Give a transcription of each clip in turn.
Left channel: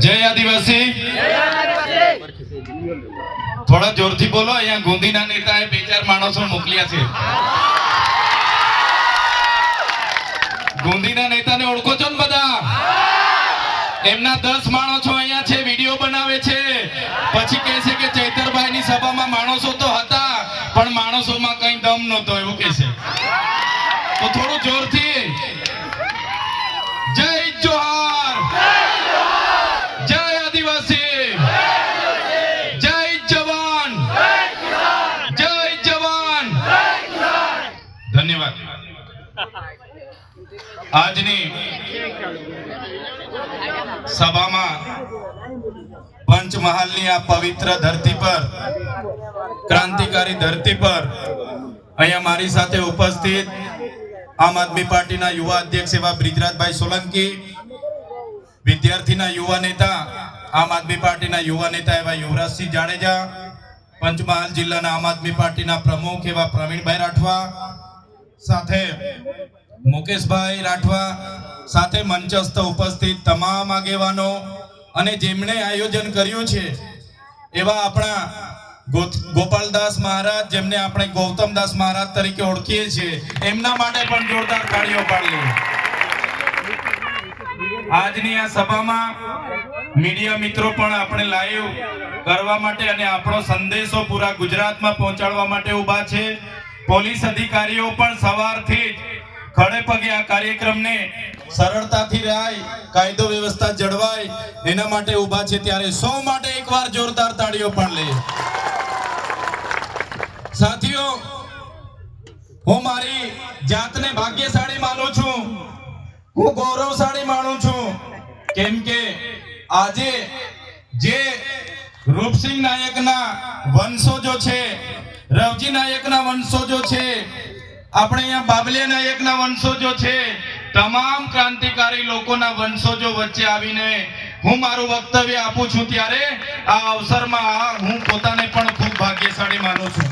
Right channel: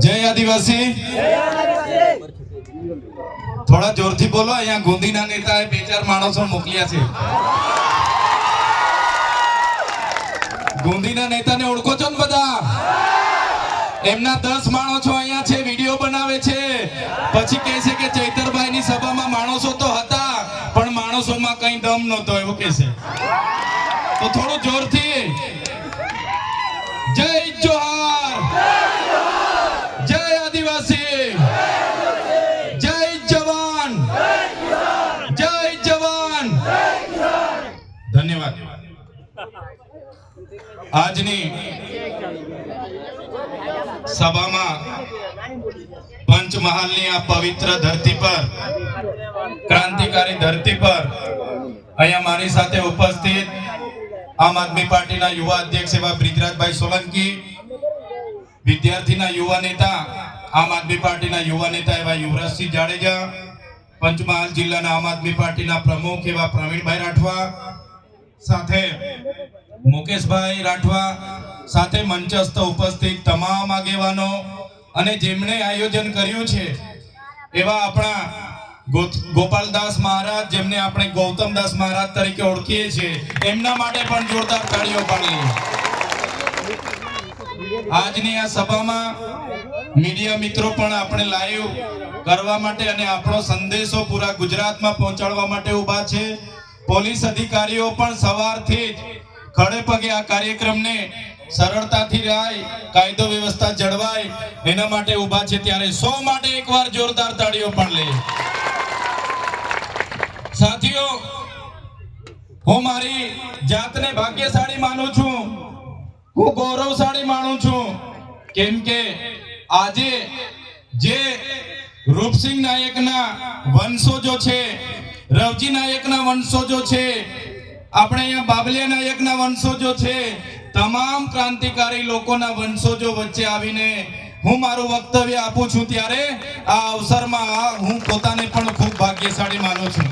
જય આદિવાસી. થોડા જોરથી બોલો, અહીંયા ગુંદીના નેતાએ બે ચાર માણસો મોકલ્યા છે. ગુંદીના નેતાને ઓળખો છો ને બધા? એમના દસ માણસો અહીંયા છે, વીડિયો બનાવે છે. પછી કહે છે કે ચૈતરભાઈની સભામાં માણસો તો હતા, પણ માણસોમાં કઈ દમ નહોતો, એવું કહે છે. તો થોડું જોરથી. જય જોહાર જય આદિવાસી જય જવાન જય જવાન ધન્યવાદ આજની સભામાં પંચમહાલની આ પવિત્ર ધરતી પર, ક્રાંતિકારી ધરતી પર અહીંયા મારી સાથે ઉપસ્થિત આમ આદમી પાર્ટીના યુવા અધ્યક્ષ એવા બ્રિજરાજભાઈ સોલંકી, વિદ્યાર્થીના યુવા નેતા, આમ આદમી પાર્ટીના યુવા નેતા એવા યુવરાજસિંહ જાડેજા, પંચમહાલ જિલ્લાના આમ આદમી પાર્ટીના પ્રમુખ એવા પ્રવીણભાઈ રાઠવા, સાથે મુકેશભાઈ રાઠવા સાથે મંચસ્થ ઉપસ્થિત તમામ આગેવાનો અને જેમણે આયોજન કર્યું છે, એવા આપણા ગોપાલદાસ મહારાજ, જેમને આપણે ગૌતમદાસ મહારાજ તરીકે ઓળખીએ છીએ, એમના માટે પણ જોરદાર તાળીઓ પાડીએ આજની આ સભામાં મીડિયા મિત્રો પણ આપણે લાઈવ કરવા માટે અને આપણો સંદેશો પૂરા ગુજરાતમાં પહોંચાડવા માટે ઊભા છે. પોલીસ અધિકારીઓ પણ સવારથી જ ખડે પગે આ કાર્યક્રમને સરળતાથી રાય, કાયદો વ્યવસ્થા જળવાય, એના માટે ઊભા છે ત્યારે સૌ માટે એકવાર જોરદાર તાળીઓ પણ લે. સાથીઓ, હું મારી જાતને ભાગ્યશાળી માનું છું. હું ગૌરવશાળી માનું છું. કેમ કે આજે જે રૂપસિંહ નાયકના વંશોજો છે, રવજી નાયકના વંશોજો છે આપણે અહીંયા બાબલિયા નાયકના વંશોજો છે. તમામ ક્રાંતિકારી લોકોના વંશોજો વચ્ચે આવીને હું મારું વક્તવ્ય આપું છું ત્યારે આ અવસરમાં હું પોતાને પણ ખૂબ ભાગ્યશાળી માનું છું.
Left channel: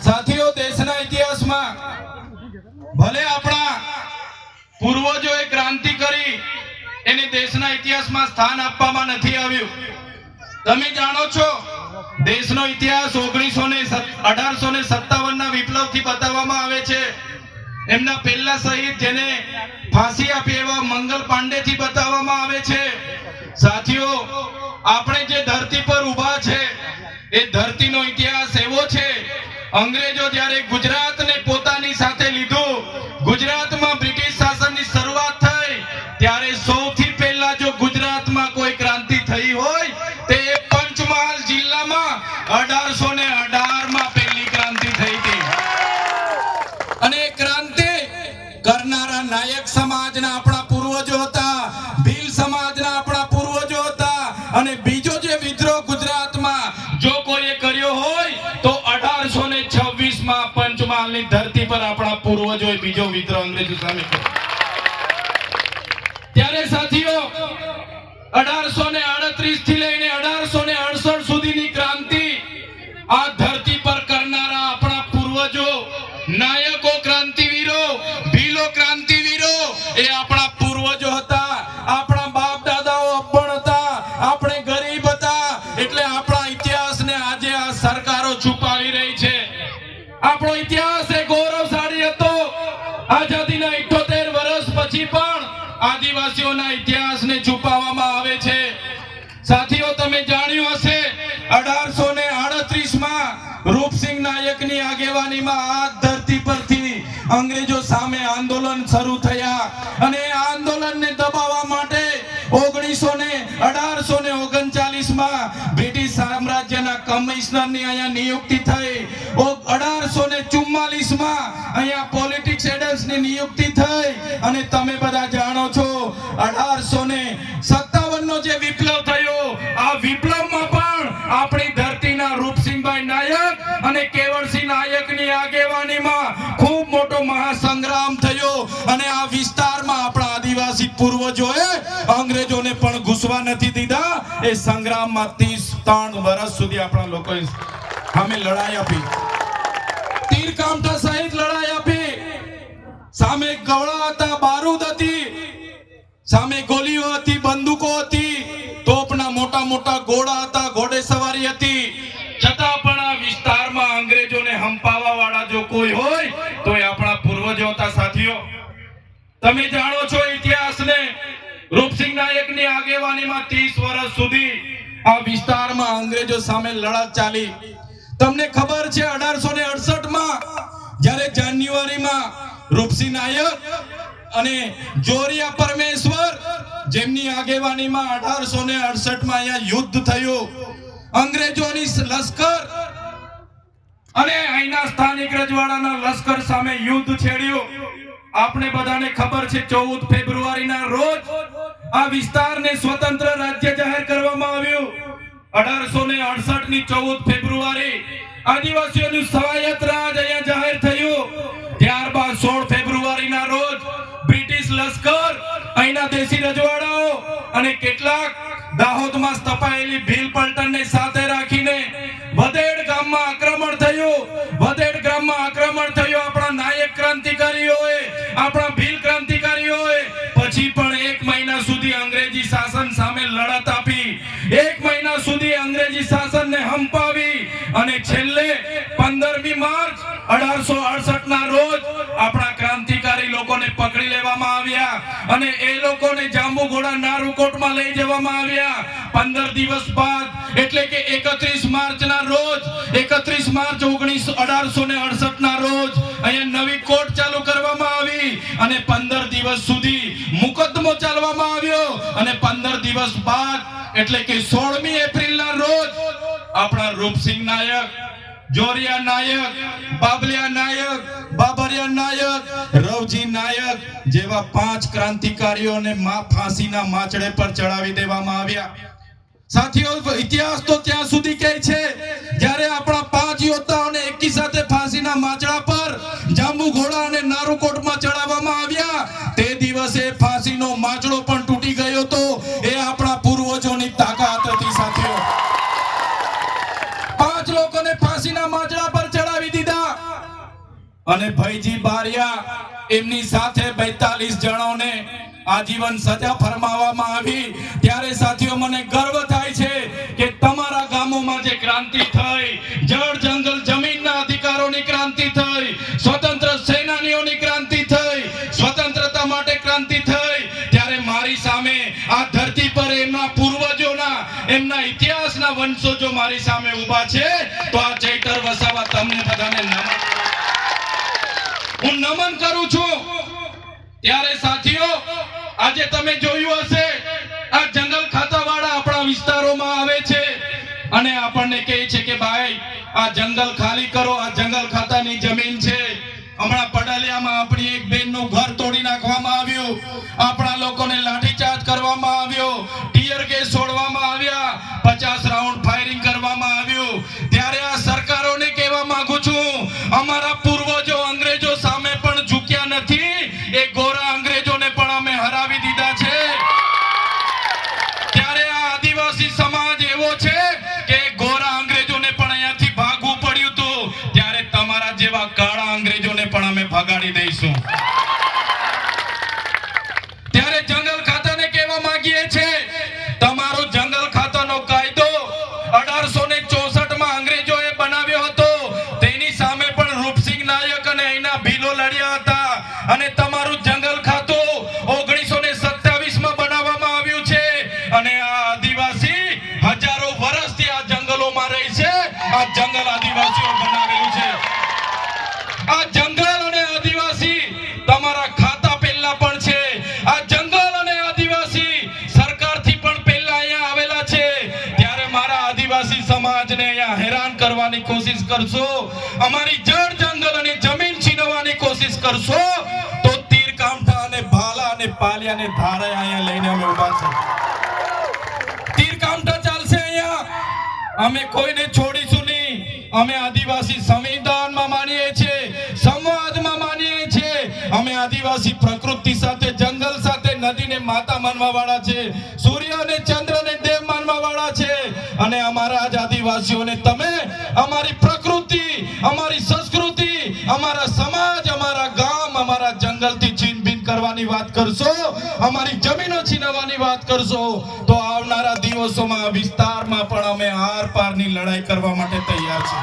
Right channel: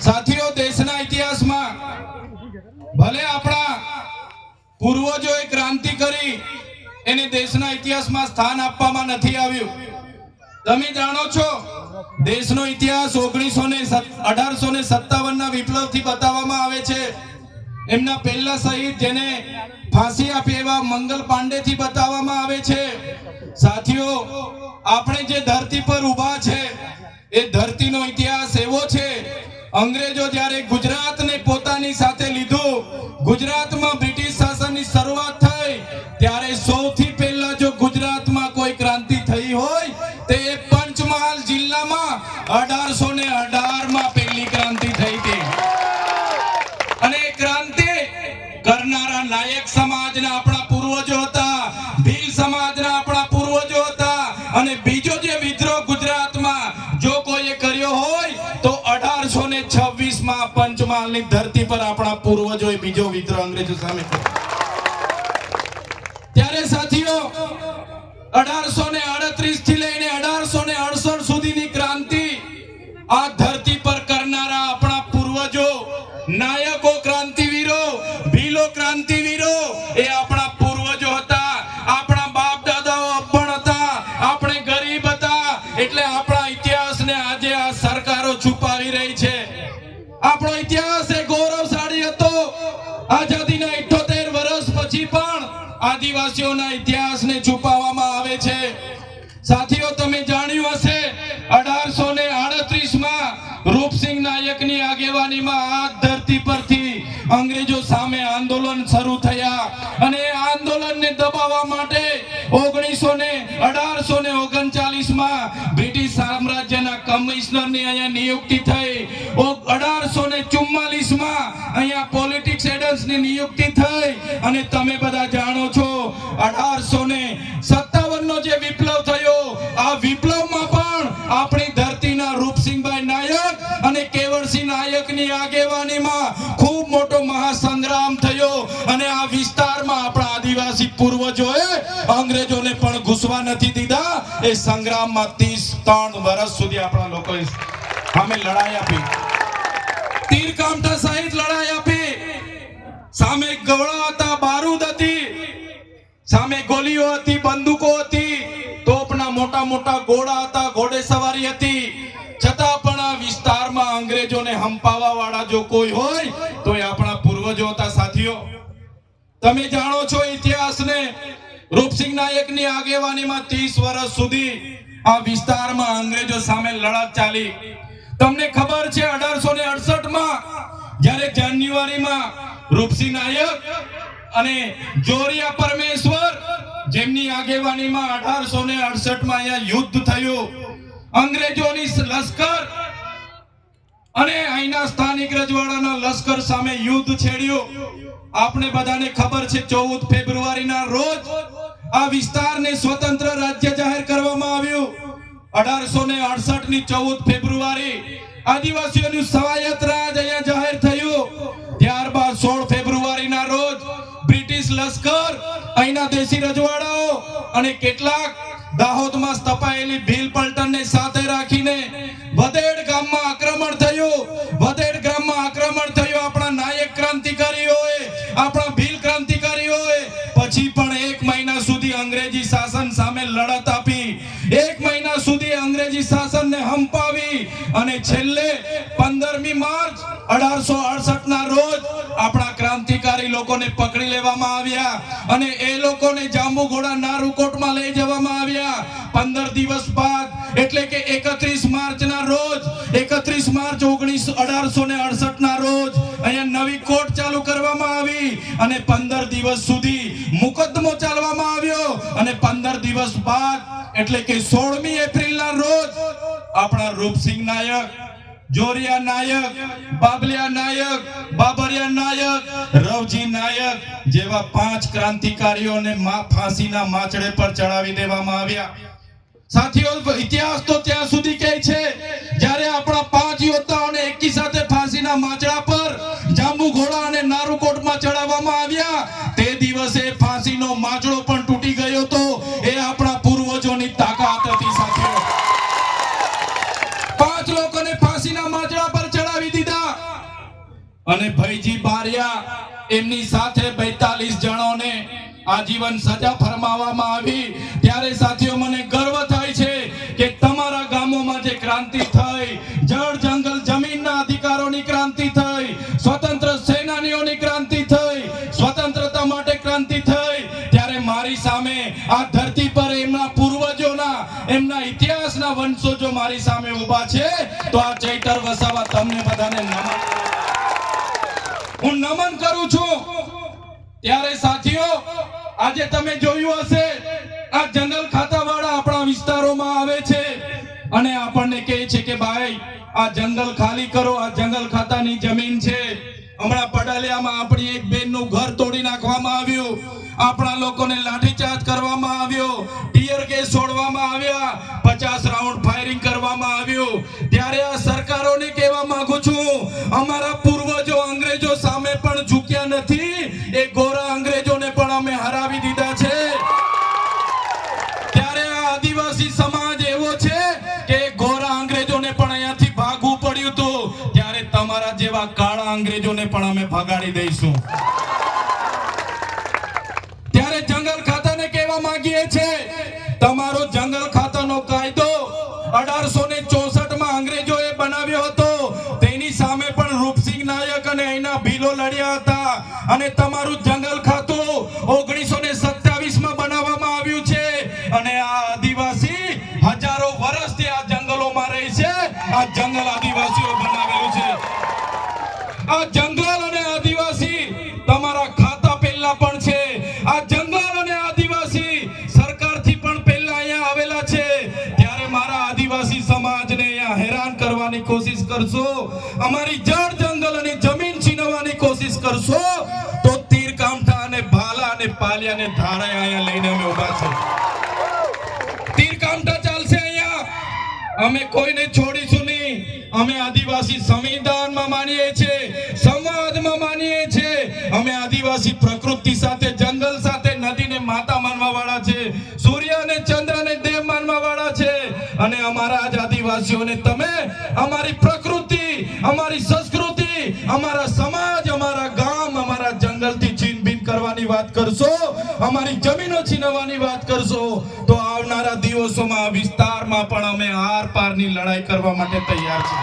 સાથીઓ, દેશના ઇતિહાસમાં ભલે આપણા પૂર્વજોએ ક્રાંતિ કરી, એને દેશના ઇતિહાસમાં સ્થાન આપવામાં નથી આવ્યું. તમે જાણો છો દેશનો ઇતિહાસ ઓગણીસો ને અઢારસો ને સત્તાવન ના વિપ્લવથી બતાવવામાં આવે છે. એમના પહેલા શહીદ જેને ફાંસી આપી એવા મંગલ પાંડે થી બતાવવામાં આવે છે. સાથીઓ, આપણે જે ધરતી પર ઊભા છે, એ ધરતીનો ઇતિહાસ એવો છે, અંગ્રેજો જ્યારે ગુજરાતને પોતાની સાથે લીધું, ગુજરાતમાં બ્રિટિશ શાસનની શરૂઆત થઈ, ત્યારે સૌથી પહેલા જો ગુજરાતમાં કોઈ ક્રાંતિ થઈ હોય પંચમહાલની ધરતી પર આપણા પૂર્વજોએ બીજો વિદ્રોહ અંગ્રેજો સામે ત્યારે સાથીઓ, અઢારસો ને આડત્રીસથી લઈને અઢારસો ને અડસઠ સુધીની ક્રાંતિ આ ધરતી પર કરનારા આપણા પૂર્વજો, નાયકો ક્રાંતિવીરો, ભીલો ક્રાંતિવીરો, એ આપણા પૂર્વજો હતા, આપણા બાપ દાદાઓ અભણ હતા, આપણે ગરીબ હતા, એટલે આપણા ઇતિહાસને આજે આ સરકારો છુપાવી રહી છે. આપણો આદિવાસીઓના ઇતિહાસને છુપાવવામાં આવે છે. સાથીઓ, તમે જાણ્યું હશે, અઢારસો ને આડત્રીસમાં રૂપસિંહ નાયકની આગેવાનીમાં આ ધરતી પરથી અંગ્રેજો સામે આંદોલન શરૂ થયા અને આંદોલનને દબાવવા માટે ઓગણીસો ને અઢારસો ને ઓગણચાલીસમાં બ્રિટિશ સામ્રાજ્યના કમિશનરની અહીંયા નિયુક્તિ થઈ. અઢારસો ને ચુમ્માલીસમાં અહીંયા પોલિટિક્સ એડન્સની નિયુક્તિ થઈ અને તમે બધા જાણો છો અઢારસો ને સત્તાવન નો જે વિપ્લવ થયો, આ વિપ્લવમાં પણ આપણી ધરતીના રૂપસિંહભાઈ નાયક અને કેવળસિંહ નાયકની આગેવાનીમાં ખૂબ મોટો મહાસંગ્રામ થયો અને આ વિસ્તારમાં આપણા આદિવાસી પૂર્વજોએ અંગ્રેજોને પણ ઘૂસવા નથી દીધા. એ સંગ્રામમાં ત્રીસ ત્રણ વર્ષ સુધી આપણા લોકોએ અમે લડાઈ આપી. તીર કામઠા સહિત લડાઈ આપી. સામે ગવડા હતા, બારૂદ હતી. સામે ગોલીઓ હતી, બંદૂકો હતી. મોટા મોટા ઘોડા હતા, ઘોડે સવારી હતી. છતાં પણ આ વિસ્તારમાં અંગ્રેજોને હંપાવા વાળા જો કોઈ હોય તો એ આપણા પૂર્વજો હતા સાથીઓ. તમે જાણો છો ઇતિહાસને? રૂપસિંહના એકની આગેવાનીમાં 30 વર્ષ સુધી આ વિસ્તારમાં અંગ્રેજો સામે લડત ચાલી. તમને ખબર છે 1868 માં જ્યારે જાન્યુઆરીમાં રૂપસિંહ નાયક અને જોરિયા પરમેશ્વર, જેમની આગેવાનીમાં 1868 માં અહીંયા યુદ્ધ થયું. અંગ્રેજોની લશ્કર અને અહીંના સ્થાનિક રજવાડાના લશ્કર સામે યુદ્ધ છેડ્યું. આપણે બધાને ખબર છે, ચૌદ ફેબ્રુઆરીના રોજ આ વિસ્તારને સ્વતંત્ર રાજ્ય જાહેર કરવામાં આવ્યું. અઢારસો ને અડસઠની ચૌદ ફેબ્રુઆરી આદિવાસીઓનું સ્વાયત્ત રાજ અહીંયા જાહેર થયું. ત્યારબાદ સોળ ફેબ્રુઆરીના રોજ બ્રિટિશ લશ્કર અહીંના દેશી રજવાડાઓ અને કેટલાક દાહોદમાં સ્થપાયેલી ભીલ પલટણને સાથે રાખીને વધેડ ગામમાં આક્રમણ થયું. વધેડ ગામમાં આક્રમણ થયું. આપણા નાયક ક્રાંતિકારીઓએ, આપણા ભીલ ક્રાંતિકારીઓએ પછી પણ એક મહિના સુધી અંગ્રેજી શાસન સામે લડત આપી. એક મહિના સુધી અંગ્રેજી શાસનને હંપાવી અને છેલ્લે પકડી લેવામાં આવ્યા અને એ લોકોને જાંબુઘોડા નારુકોટમાં લઈ જવામાં આવ્યા. 15 દિવસ બાદ, એટલે કે એકત્રીસ માર્ચ ના રોજ 31 માર્ચ 19 1868 ના રોજ અહીંયા નવી કોર્ટ ચાલુ કરવામાં આવી અને 15 દિવસ સુધી મુકદ્દમો ચાલવામાં આવ્યો અને 15 દિવસ બાદ, એટલે કે સોળમી એપ્રિલ ના રોજ આપણા રૂપસિંહ નાયક જોરિયા નાયક, બાબલિયા નાયક, બાબરિયા નાયક, રવજી નાયક જેવા પાંચ ક્રાંતિકારીઓને માં ફાંસીના માચડે પર ચડાવી દેવામાં આવ્યા. સાથીઓ, ઇતિહાસ તો ત્યાં સુધી કહે છે, જ્યારે આપણા પાંચ યોદ્ધાઓને એકી સાથે ફાંસીના માચડા પર જાંબુ ઘોડા અને નારુકોટમાં ચડાવવામાં આવ્યા, તે દિવસે ફાંસીનો માચડો પણ ફાંસીના માચડા પર ચડાવી દીધા. અને ભૈજી બારિયા એમની સાથે 42 જણોને આજીવન સજા ફરમાવવામાં આવી. ત્યારે સાથીઓ, મને ગર્વ થાય છે કે તમારા ગામોમાં જે ક્રાંતિ થઈ, જળ, જંગલ, જમીનના અધિકારોની ક્રાંતિ થઈ, સ્વતંત્ર સેનાનીઓની ક્રાંતિ થઈ, સ્વતંત્રતા માટે ક્રાંતિ થઈ, ત્યારે મારી સામે આ ધરતી પર એમના પૂર્વજોના, એમના ઇતિહાસના વંશજો મારી સામે ઊભા છે. તો આ બધાને નમન. હું નમન કરું છું. ત્યારે સાથીઓ, આજે તમે જોયું હશે, આ જનરલ ખાતાવાળા આપણા વિસ્તારોમાં આવે છે. અને આપણને કહે છે કે, ભાઈ, આ જંગલ ખાલી કરો, આ જંગલ ખાતાની જમીન છે. હમણાં પડાલિયામાં આપણી એક બેનનું ઘર તોડી નાખવામાં આવ્યું. આપણા લોકોને લાઠીચાર્જ કરવામાં આવ્યો. ટીયર ગેસ છોડવામાં આવ્યા. પચાસ રાઉન્ડ 2021 કરશો? અમારી જળ જંગલ અને જમીન છીનવવાની કોશિશ કરશો? તો તીર કામઠા અને ભાલા અને પાલિયાને ધારા અહીંયા લઈને અમે ઊભા છે તીર કામઠા ચાલશે અહીંયા. અમે કોઈને છોડીશું નહીં. અમે આદિવાસી સંવિધાનમાં માનીએ છીએ સંવાદમાં માનીએ છીએ. અમે આદિવાસી પ્રકૃતિ સાથે, જંગલ સાથે, નદીને માતા માનવા વાળા છે, સૂર્ય અને ચંદ્રને દેવ માનવા વાળા છે. અને અમારા જ આદિવાસીઓને તમે અમારી અમારી જમીનો છીનવવાની વાત કરશો તો આવનારા દિવસોમાં વિસ્તારમાં પણ અમે આર પારની લડાઈ કરવા માટે તૈયાર છે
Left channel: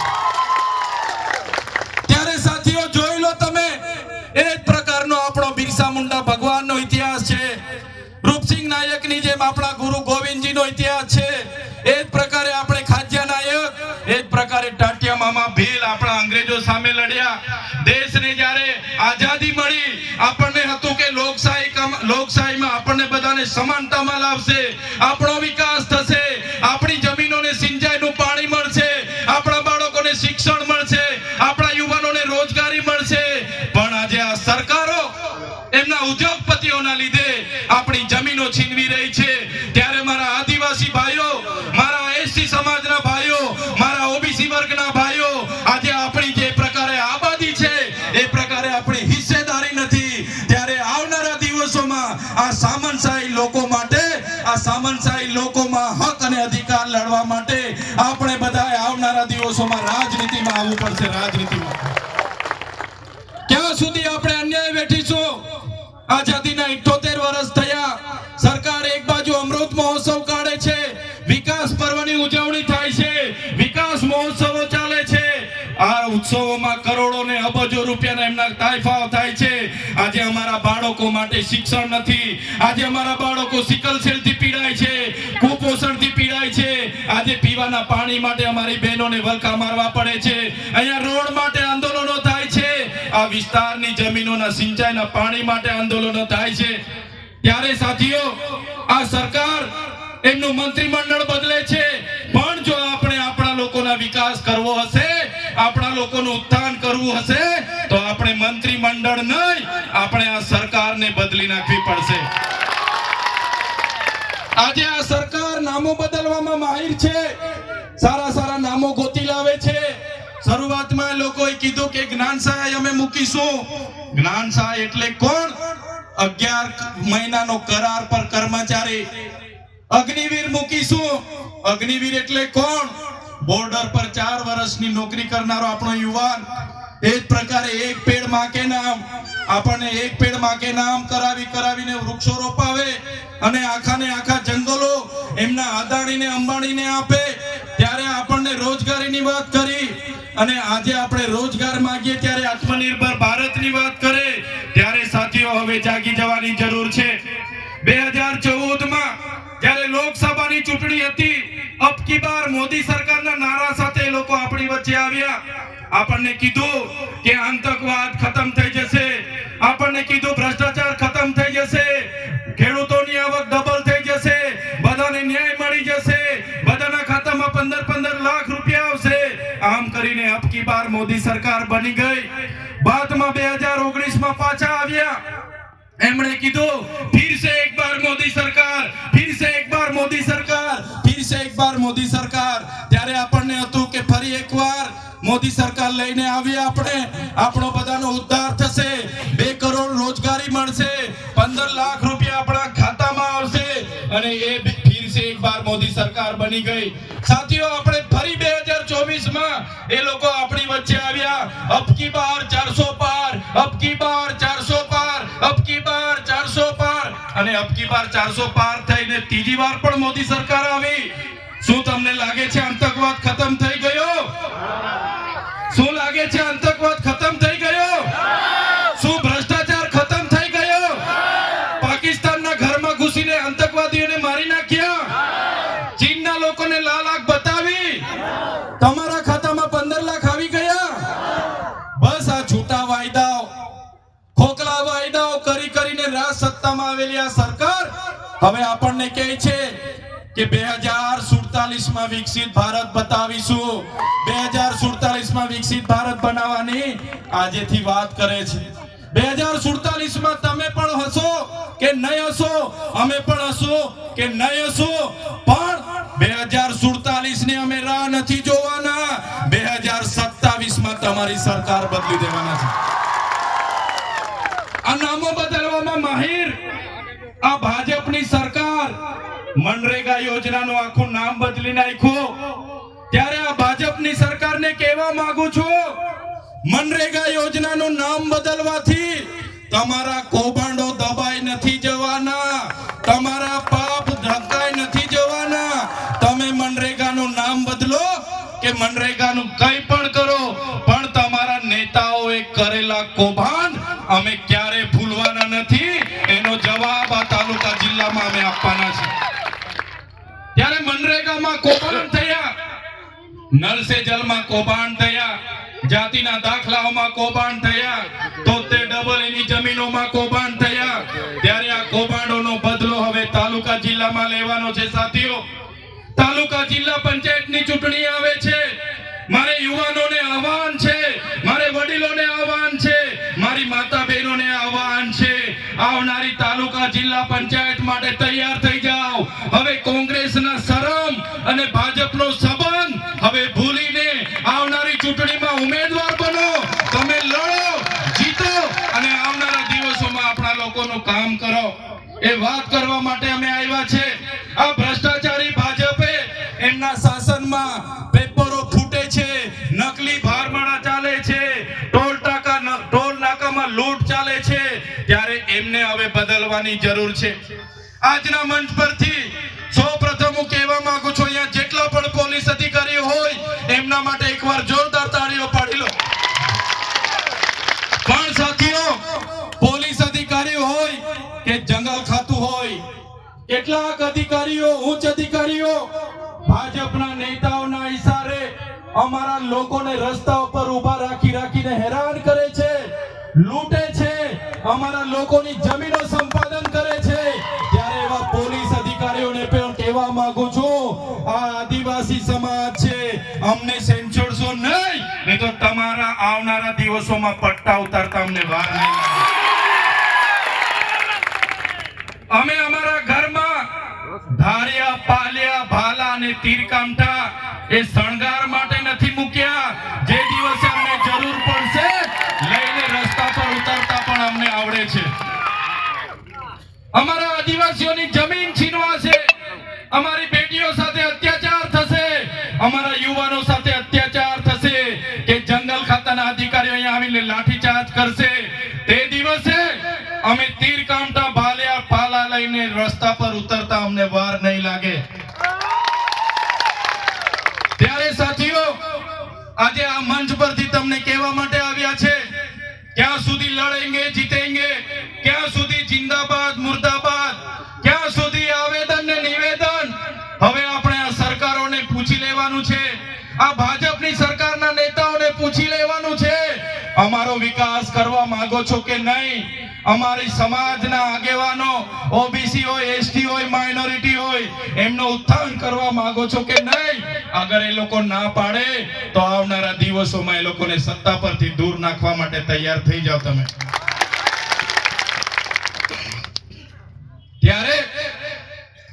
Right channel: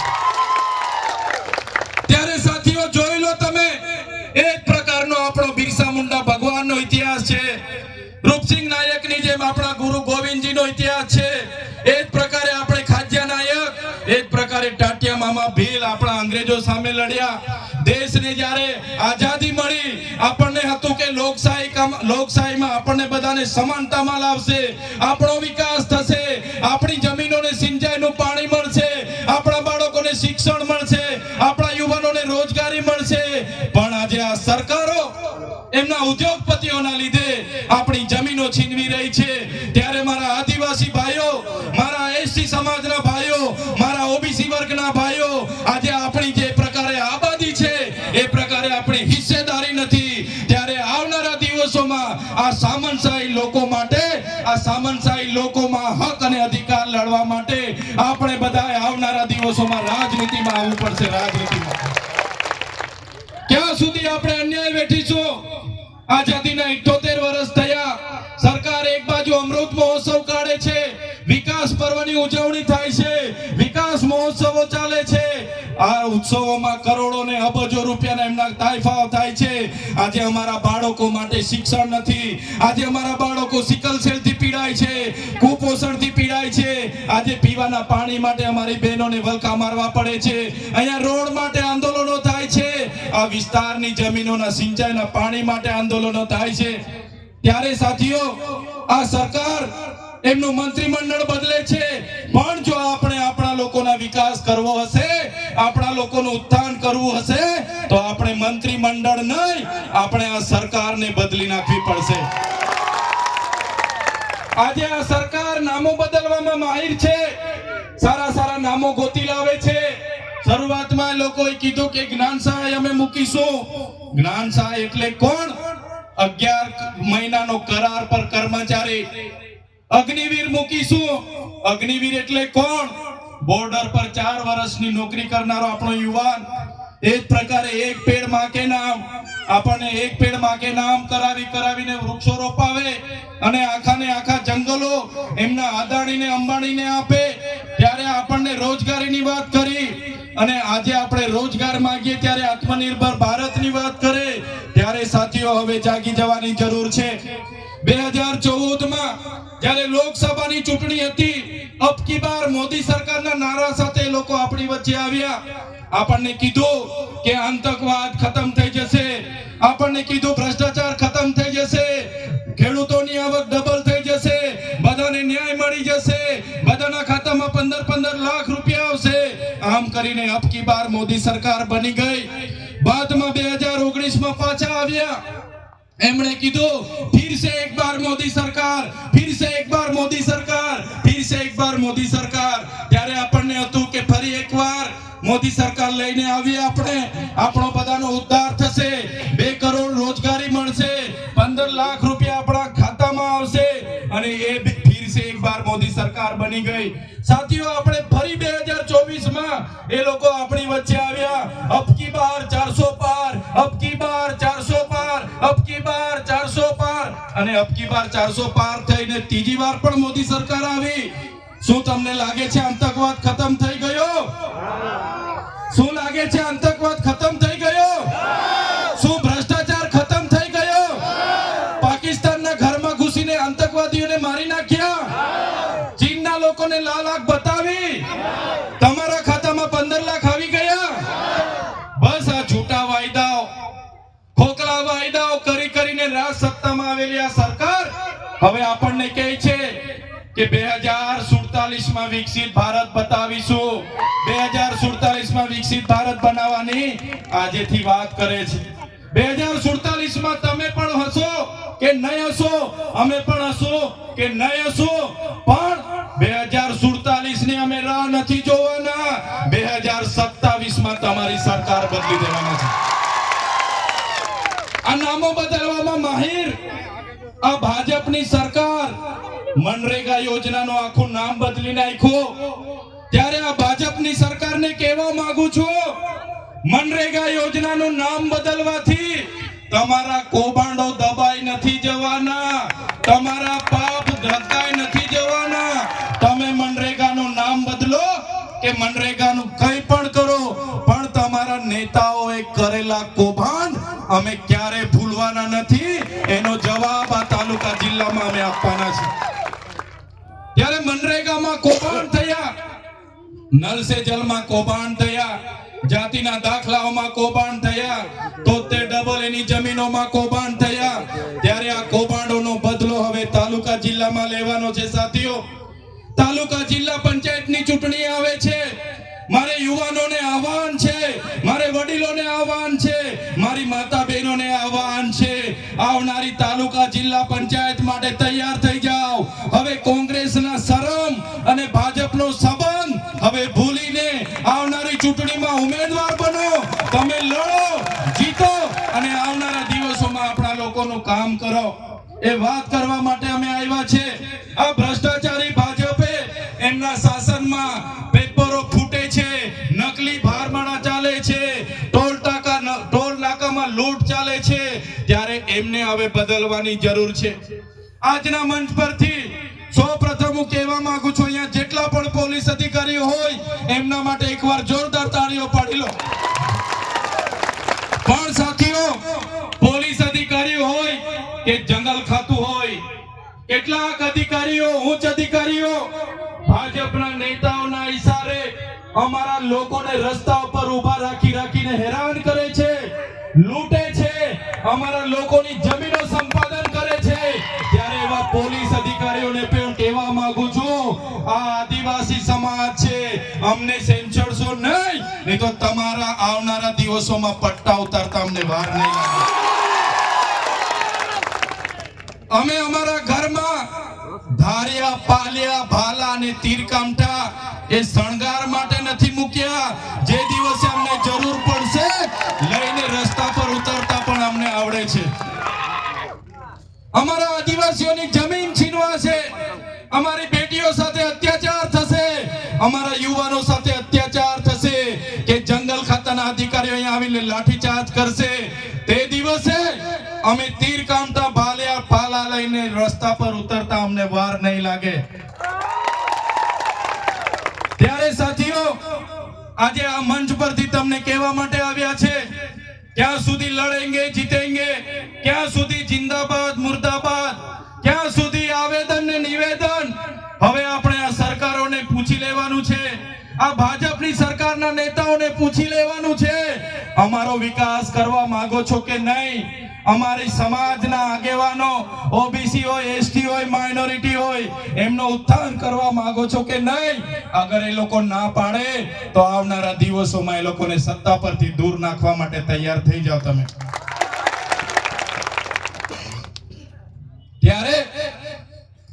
લોકશાહીમાં આપણને બધાને સમાનતામાં લાવશે, આપણો વિકાસ થશે, આપણી જમીનોને સિંચાઈનું પાણી મળશે, આપણા બાળકોને શિક્ષણ મળશે, આપણા યુવાનોને રોજગારી મળશે. પણ આજે આ સરકારો, એમના ઉદ્યોગપતિઓના લીધે આપણી જમીનો છીનવી રહી છે. દિવસોમાં રાજનીતિમાં આવવું પડશે, રાજનીતિમાં. ક્યાં સુધી આપણે અન્યાય વેઠીશું? આઝાદીના 78 વર્ષ થયા. સરકાર એક બાજુ અમૃત મહોત્સવ કાઢે છે. વિકાસ પર્વની ઉજવણી આ ઉત્સવોમાં કરોડો ને અબજો રૂપિયાના એમના તાઇફાઓ થાય છે. આજે અમારા બાળકો માટે શિક્ષણ નથી. આજે અમારા બાળકો સિકલ સેલથી પીડાય છે, કુપોષણથી પીડાય છે. આજે પીવાના પાણી માટે અમારી બહેનોને વલકા મારવા પડે છે. અહીંયા રોડ માટે આંદોલનો થાય છે. આ વિસ્તારની જમીનોના સિંચાઈના પાણી માટે આંદોલનો થાય છે. ત્યારે સાથીઓ, આ સરકાર એમનું મંત્રીમંડળ બદલે છે. પણ જો આપણે આપણા લોકોના વિકાસ કરવો હશે આપણા લોકોનું ઉત્થાન કરવું હશે, તો આપણે મંત્રીમંડળ નહીં, આપણે આ સરકારને બદલી નાખવી પડશે. આજે આ સરકાર નામો બદલવામાં માહિર છે. સારા સારા નામો ગોતી લાવે છે. શરૂઆતમાં લોકોએ કીધું કે જ્ઞાન સહાય અમે મૂકીશું. જ્ઞાન સહાય એટલે કોણ? અગિયાર મહિનાનો કરાર પર કર્મચારી. અગ્નિવીર મૂકીશું. અગ્નિવીર એટલે કોણ? બોર્ડર પર ચાર વર્ષની નોકરી કરનારો આપણો યુવાન એ જ પ્રકારે એક પેડમાં નામ આપણને એક પેડમાં નામ કરાવી કરાવીને વૃક્ષો રોપાવે અને આખા ને આખા જંગલો એમના આદાણીને અંબાણીને આપે. ત્યારે આપણને રોજગારીની વાત કરી અને આજે આપણે રોજગાર માંગીએ ત્યારે આત્મનિર્ભર ભારતની વાત કરે. ત્યારે સાથીઓ, હવે જાગી જવાની જરૂર છે. બે હજાર ચૌદમાં જ્યારે લોકસભાની ચૂંટણી હતી, અબ કી બાર મોદી સરકારના નારા સાથે લોકો આપણી વચ્ચે આવ્યા. આપણને કીધું કે આતંકવાદ ખતમ થઈ જશે. આપણને કીધું ભ્રષ્ટાચાર ખતમ થઈ જશે. ખેડૂતોની આવક ડબલ થઈ જશે. બધાને ન્યાય મળી જશે. બધાના ખાતામાં પંદર પંદર લાખ રૂપિયા આવશે. આમ કરીને અબ કી બાર મોદી સરકાર બની ગઈ. બાદમાં બે હજાર ઓગણીસમાં પાછા આવ્યા. એમણે કીધું, ફિર સે એક બાર મોદી સરકાર, ફિર સે એક બાર મોદી સરકાર, ફિર સે એક બાર મોદી સરકાર. ત્યારે આપણને હતું કે ફરી એકવાર મોદી સરકાર લઈને આવી આપણે. આપણો બધાનો ઉદ્ધાર થશે. બે કરોડ રોજગારી મળશે. પંદર લાખ રૂપિયા આપણા ખાતામાં આવશે. અને એ ફિર સે એક બાર મોદી સરકાર બની ગઈ. સાથીઓ, આપણે ફરી બે હજાર ચોવીસમાં એ લોકો આપણી વચ્ચે આવ્યા. અબકી બાર ચારસો પાર અને વાર ચારસો પાર થઈને ત્રીજી વાર પણ મોદી સરકાર આવી. શું તમને લાગે છે આતંકવાદ ખતમ થઈ ગયો? શું લાગે છે આતંકવાદ રાજ સત્તામાં આવેલી આ સરકાર, હવે આપણને કહે છે કે બે હજાર સુડતાલીસમાં વિકસિત ભારત બતાવીશું. બે હજાર સુડતાલીસમાં વિકસિત ભારત બનાવવાની આજેથી વાત કરે છે. બે હજાર સુડતાલીસમાં તમે પણ હશો કે નહીં હશો? અમે પણ હશો કે નહીં હશો? પણ બે હજાર સુડતાલીસની અમે રાહ નથી જોવાના. બે હજાર સત્તાવીસમાં તમારી સરકાર બદલી દેવાના છે. આ નામો બદલવામાં માહિર. આ ભાજપની સરકાર મનરેગા યોજનાનું આખું નામ બદલી નાખ્યું ત્યારે આ ભાજપની સરકારને કહેવા માંગુ છું, મનરેગા યોજનાનું નામ બદલવાથી તમારા કૌભાંડો દબાઈ નથી જવાના, તમારા પાપ ઢકાઈ નથી જવાના. તમે મનરેગાનું નામ બદલો કે મનરેગાનું કંઈ પણ કરો, પણ તમારા નેતાઓએ કરેલા કૌભાંડ અમે ક્યારે ભૂલવાના નથી? એનો જવાબ આ તાલુકા જિલ્લામાં અમે આપવાના છે. ત્યારે મનરેગામાં કૌભાંડ થયા. નલ જલમાં કૌભાંડ થયા. જાતિના દાખલાઓમાં કૌભાંડ થયા. તોતેર ડબલ એની જમીનોમાં કૌભાંડ થયા. ત્યારે આ કૌભાંડોનો બદલો હવે તાલુકા જિલ્લામાં લેવાનો છે સાથીઓ. તાલુકા જિલ્લા પંચાયતની ચૂંટણી આવે છે. મારે યુવાનોને આહવાન છે. મારી માતા બહેનોને આહવાન છે. આવનારી તાલુકા જિલ્લા પંચાયત માટે તૈયાર થઈ જાઓ. હવે કોંગ્રેસના શરમ અને ભાજપનો સંબંધ હવે ભૂલીને આવનારી ચૂંટણીમાં ઉમેદવાર બનો. તમે લડો, જીતો અને આવનારા દિવસોમાં આપણા લોકોનું કામ કરો. એ વાત કરવા માટે અમે આવ્યા છે. આ ભ્રષ્ટાચારી એમને હવે બદલવાની જરૂર છે. આજના મંચ પરથી સૌપ્રથમ હું કહેવા માંગુ છું, અહીંયા જેટલા પણ પોલીસ અધિકારીઓ હોય, એમના માટે એકવાર જોરદાર તાળીઓ પાડી લો. પણ સાથીઓ, પોલીસ અધિકારીઓ હોય કે જંગલ ખાતું હોય, કેટલાક અધિકારીઓ, ઉચ્ચ અધિકારીઓ, ભાજપના નેતાઓના ઈશારે અમારા લોકોને રસ્તા ઉપર ઊભા રાખી રાખીને હેરાન કરે છે, લૂંટે અમારા લોકોની જમીનો સંપાદન કરે છે. ત્યારે એવા પોલીસ અધિકારીઓને પણ કહેવા માંગુ છું, આ આદિવાસી સમાજ છે, અમને સેંચોડશો નહીં નહીં તો તમારા આવનારા દિવસોમાં પટ્ટા ઉતારતા અમને વાર નહીં અમે અમારા ઘરમાં ધાર્યા, પાલ્યા, ભાલા અને તીર કામટા એ શણગાર માટે નથી મૂક્યા. અમારા આદિવાસીઓની જમીન છીનવાશે. અમારી બેટીઓ સાથે અત્યાચાર થશે. અમારા યુવાનો સાથે અત્યાચાર થશે કે જંગલ ખાતાના અધિકારીઓ અહીંયા આવીને લાઠીચાર્જ કરશે. તે દિવસે અમે તીર કામટા ભાલ્યા પાલા લઈને રસ્તા પર ઉતરતા અમને વાર નહીં લાગે. ત્યારે સાથીઓ, આજે આ મંચ પરથી તમને કહેવા માટે આવ્યા છે. ક્યાં સુધી લડેંગે, જીતેંગે, ક્યાં સુધી જિંદાબાદ, મુર્દાબાદ. ક્યાં સુધી આવેદન ને નિવેદન? હવે આપણે આ સરકારોને પૂછી લેવાનું છે. આ ભાજપની સરકારના નેતાઓને પૂછી લેવાનું છે. અમારો વિકાસ કરવા માંગો છો કે નહીં? અમારી સમાજના આગેવાનો, ઓબીસી હોય, એસટી હોય, માઇનોરિટી હોય, એમનો ઉત્થાન કરવા માંગો છો કે નહીં? અગર એ લોકો ના પાડે, તો આવનારા દિવસોમાં એ લોકોને સત્તા પરથી દૂર નાખવા માટે તૈયાર થઈ જાઓ તમે ત્યારે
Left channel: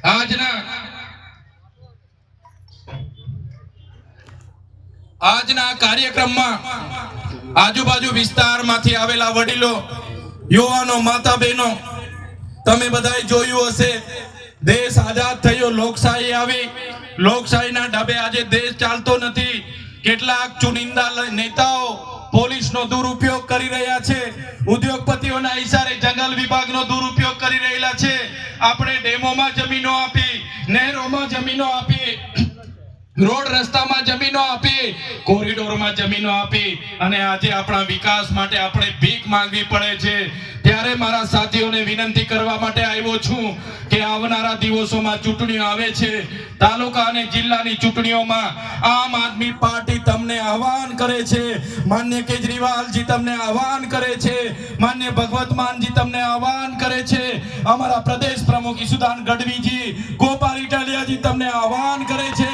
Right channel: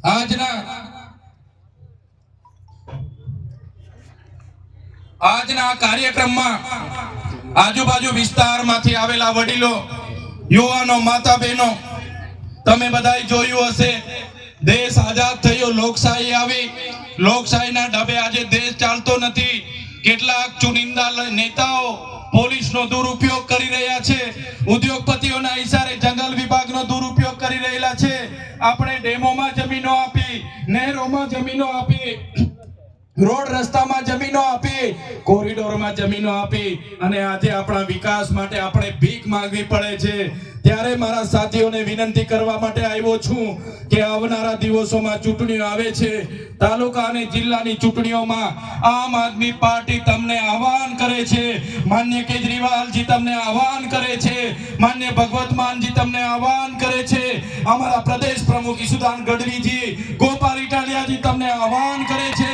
આજના આજના કાર્યક્રમમાં આજુબાજુ વિસ્તારમાંથી આવેલા વડીલો, યુવાનો માતા બહેનો તમે બધાએ જોયું હશે, દેશ આઝાદ થયો, લોકશાહી આવી. લોકશાહીના ડબે આજે દેશ ચાલતો નથી. કેટલાક ચુનિંદા નેતાઓ પોલીસનો દુરુપયોગ કરી રહ્યા છે. ઉદ્યોગપતિઓના ઈશારે જંગલ વિભાગનો દુરુપયોગ કરી રહેલા છે. આપણે ડેમોમાં જમીનો આપી, નહેરોમાં જમીનો આપી, રોડ રસ્તામાં જમીનો આપી, કોરિડોરમાં જમીનો આપી અને આજે આપણા વિકાસ માટે આપણે ભીખ માંગવી પડે છે. ત્યારે મારા સાથીઓને વિનંતી કરવા માટે આવ્યો છું કે આવનારા દિવસોમાં ચૂંટણીઓ આવે છે. તાલુકા અને જિલ્લાની ચૂંટણીઓમાં આમ આદમી પાર્ટી તમને આહવાન કરે છે. માન્ય કેજરીવાલજી તમને આહવાન કરે છે. માન્ય ભગવત માનજી તમને આહવાન કરે છે. અમારા પ્રદેશ પ્રમુખ ઈસુદાન ગઢવીજી, ગોપાલ ઇટાલિયાજી તમને આહવાન કરે છે.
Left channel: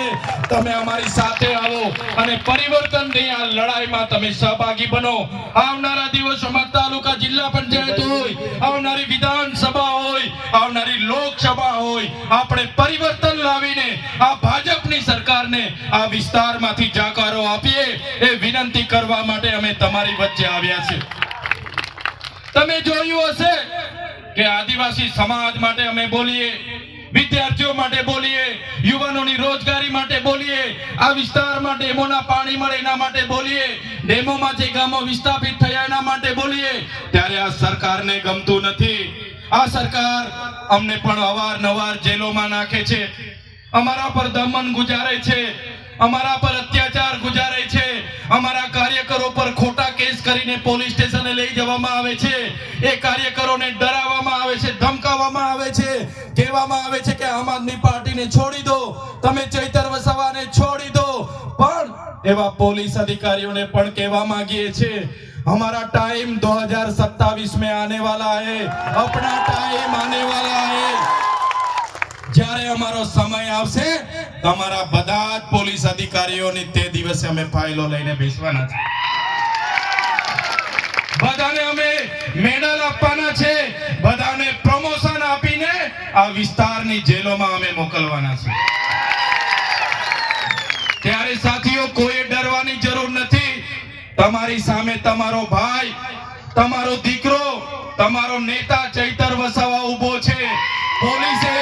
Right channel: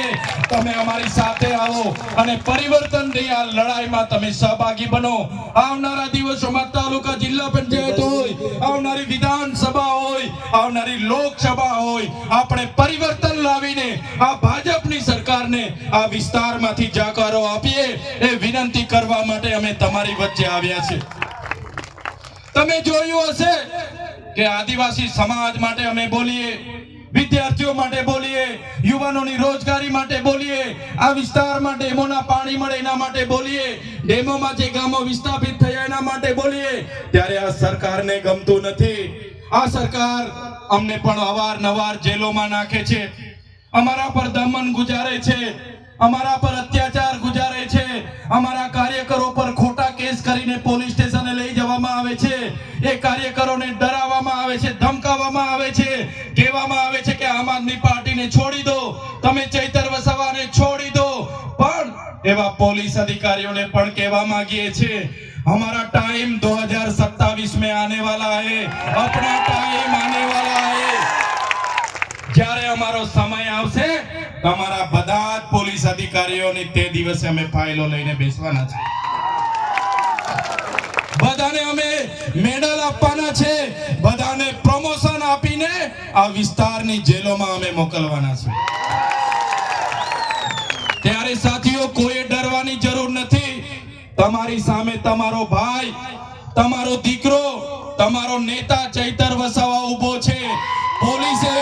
તમે અમારી સાથે આવો અને પરિવર્તનની આ લડાઈમાં તમે સહભાગી બનો. આવનારા દિવસોમાં તાલુકા જિલ્લા પંચાયત હોય, આવનારી વિધાનસભા હોય, આવનારી લોકસભા હોય, આપણે પરિવર્તન લાવીને આ ભાજપની સરકારને આ વિસ્તારમાંથી જાકારો આપીએ એ વિનંતી કરવા માટે અમે તમારી વચ્ચે આવ્યા છે તમે જોયું હશે કે આદિવાસી સમાજ માટે અમે બોલીએ. વિદ્યાર્થીઓ માટે બોલીએ, યુવાનોની રોજગારી માટે બોલીએ, આ વિસ્તારમાં ડેમોના પાણી મળે એના માટે બોલીએ, ડેમોમાં જે ગામો વિસ્થાપિત થયા એના માટે બોલીએ, ત્યારે આ સરકારને ગમતું નથી. આ સરકાર અમને પણ અવારનવાર જેલોમાં નાખે છે. અમારા પર દમન ગુજારે છે. અમારા પર અત્યાચાર ગુજારે છે. અમારા કાર્યકરો પર કેસ કરીને પોલીસ સ્ટેશને લઈ જવામાં આવે છે એ કાર્યકરોને ડરાવવામાં આવે છે ધમકાવવામાં આવે છે કહેવામાં આવે છે કે આમ આદમી પાર્ટીને છોડી દો તમે ચૈતર વસાવાને છોડી દો પણ એવા પોલીસ અધિકારીઓને પણ કહેવા માંગીએ છીએ हमारा टाइम 2027 में आने वाला है अपना टाइम आने वाला है જ્યારે અમારો સમય આવશે તમારા બધા જ પોલીસ અધિકારીઓની તે દિવસે અમે ફાઇલો લઈને બેસવાના છે બધાને અમે મેડલ આપવાના છે. બધાને પ્રમોશન આપીને આ વિસ્તારની જેલોમાં અમે મોકલવાના છે. ત્યારે સાથીઓ કોઈ ડરવાની જરૂર નથી. તમારી સામે તમારો ભાઈ, તમારો દીકરો, તમારો નેતા ચૈતર વસાવા ઊભો છે. પોલીસે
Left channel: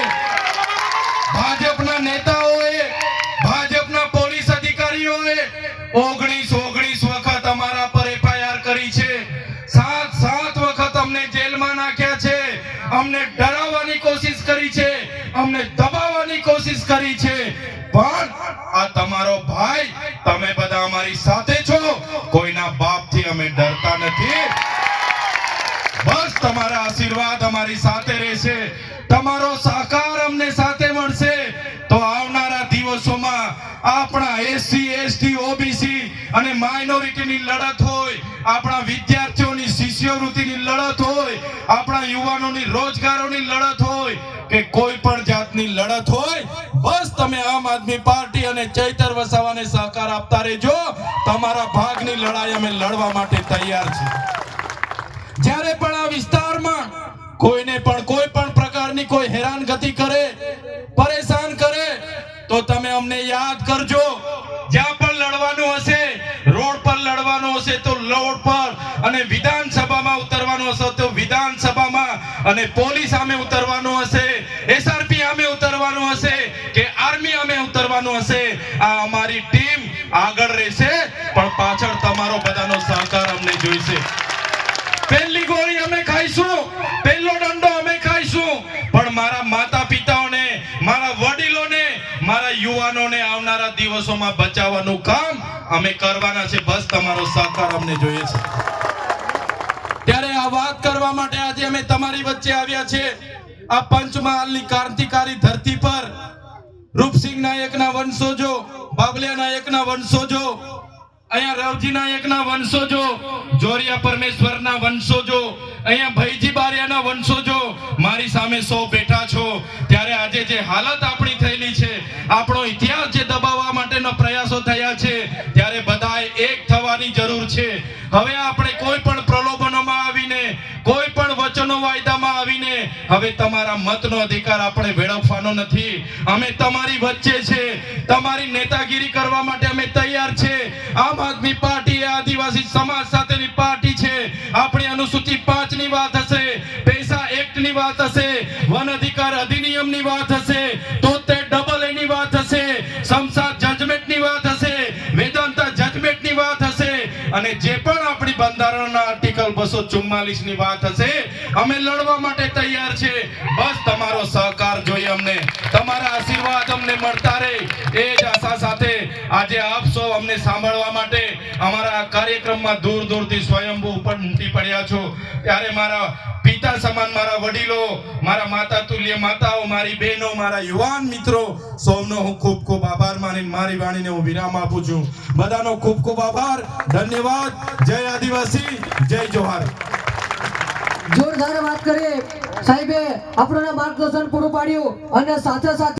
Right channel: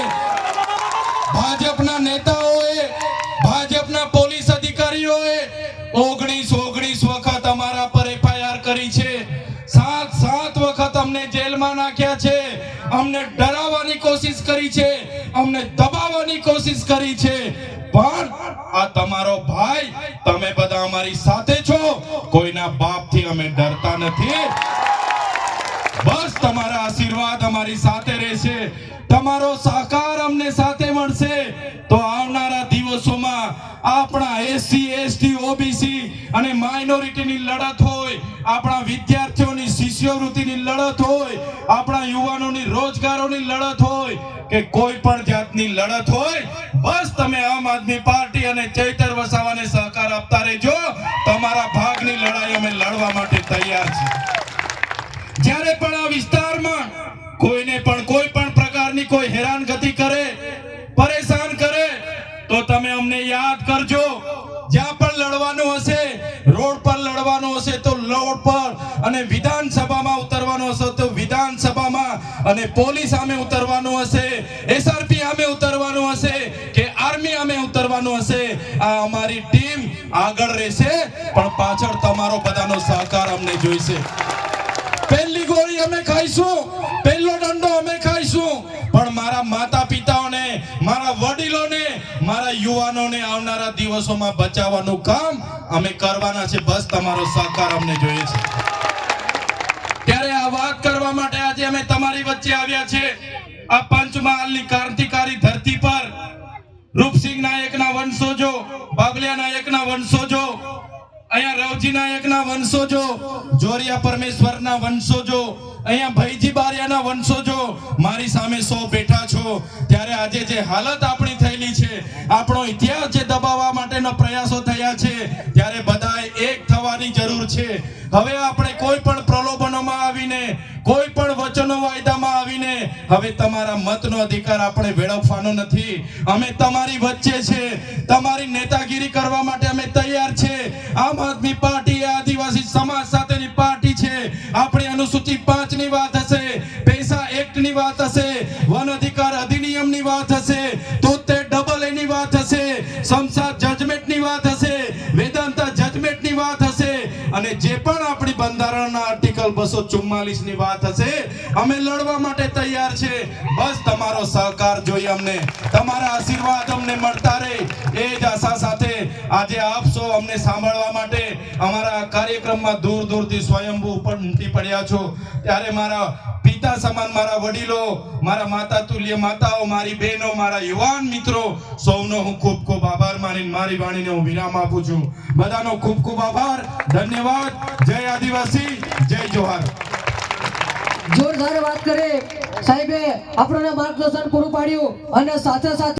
છે. અમને દબાવવાની કોશિશ કરી છે. પણ આ તમારો ભાઈ, તમે બધા અમારી સાથે છો. કોઈના બાપથી અમે ડરતા નથી. બસ તમારા આશીર્વાદ અમારી સાથે રહેશે. તમારો સહકાર અમને સાથે મળશે. તો આવનારા દિવસોમાં આપણા એસસી, એસટી, ઓબીસી અને માઇનોરિટીની લડત હોય, આપણા વિદ્યાર્થીઓની શિષ્યવૃત્તિની લડત હોય, આપણા યુવાનોની રોજગારોની લડત હોય કે કોઈ પણ જાતની લડત હોય, બસ તમે આમ આદમી પાર્ટી અને ચૈતર વસાવાને સહકાર આપતા રહેજો. તમારા ભાગની લડાઈ અમે લડવા માટે તૈયાર છીએ. જ્યારે પણ આ વિસ્તારમાં કોઈને પણ કોઈ પણ પ્રકારની કોઈ હેરાનગતિ કરે, પરેશાન કરે, તો તમે અમને યાદ કરજો, જ્યાં પણ લડવાનું હશે, રોડ પર લડવાનું હશે તો રોડ પર અને વિધાનસભામાં અને પોલીસ સામે ઉતરવાનું હશે એસઆરપી સામે ઉતરવાનું હશે, કે આર્મી સામે ઉતરવાનું હશે, આ અમારી ટીમ આગળ રહેશે, પણ પાછળ તમારો બધાનો સહકાર અમને જોઈશે. પહેલી ગોળી અમે ખાઈશું, પહેલો દંડો અમે ખાઈશું, પણ મારા માતા પિતાઓને મારા વડીલોને, મારા યુવાનોને આવનારા દિવસોમાં બચાવવાનું કામ અમે કરવાના છે, બસ તમારો સહકાર અમને જોઈએ છે. આજે અમે તમારી વચ્ચે આવ્યા છે. આ પંચમહાલની ક્રાંતિકારી ધરતી પર રૂપસિંહ નાયકના વંશજો બાગલિયા નાયકના વંશોજો અહીંયા રવજી નાયકના વંશોજો જોરિયા પરમેશ્વરના વંશોજો અહીંયા ભૈજી બારિયાના વંશોજો મારી સામે સૌ બેઠા છો. ત્યારે આજે જે હાલત આપણી થયેલી છે, આપણો ઇતિહાસ જે દબાવવા માટેના પ્રયાસો થયા છે, ત્યારે બધાએ એક થવાની જરૂર છે. હવે આપણે કોઈ પણ કોઈ પણ વચનો વાયદામાં આવીને હવે તમારા મતનો અધિકાર આપણે વેડફવાનો નથી. અમે તમારી વચ્ચે છે. તમારી નેતાગીરી કરવા માટે અમે તૈયાર છે. આમ આદમી પાર્ટી આદિવાસી સમાજ સાથેની પાર્ટી છે. આપણે અનુસૂચિત પાંચની વાત હશે, પૈસા એક્ટની વાત હશે, વન અધિકાર અધિનિયમની વાત હશે બંધારણના બસો ચુમ્માલીસની વાત હશે. અમે લડવા માટે તૈયાર છે. બસ તમારો સહકાર જોઈએ અમને. તમારા આશીર્વાદ અમને મળતા રહે. એ જ આશા સાથે આજે આપ સૌ અમને સાંભળવા માટે અમારા કાર્યક્રમમાં દૂર દૂરથી સ્વયંભૂ ઉપર ઉમટી પડ્યા છો. ત્યારે મારા પિતા સમાન, મારા વડીલો, મારા માતા તુલ્ય માતાઓ, મારી બહેનો, મારા યુવાન મિત્રો, સૌનો હું ખૂબ ખૂબ આભાર માની મારી વાણીને હું વિરામ આપું છું. બધાનો ખૂબ ખૂબ આભાર. ધન્યવાદ. જય આદિવાસી. જય જોહાર. જોરદાર વાત કરી. સાહેબે આપણને માર્ગદર્શન પૂરું પાડ્યું અને સાથે સાથે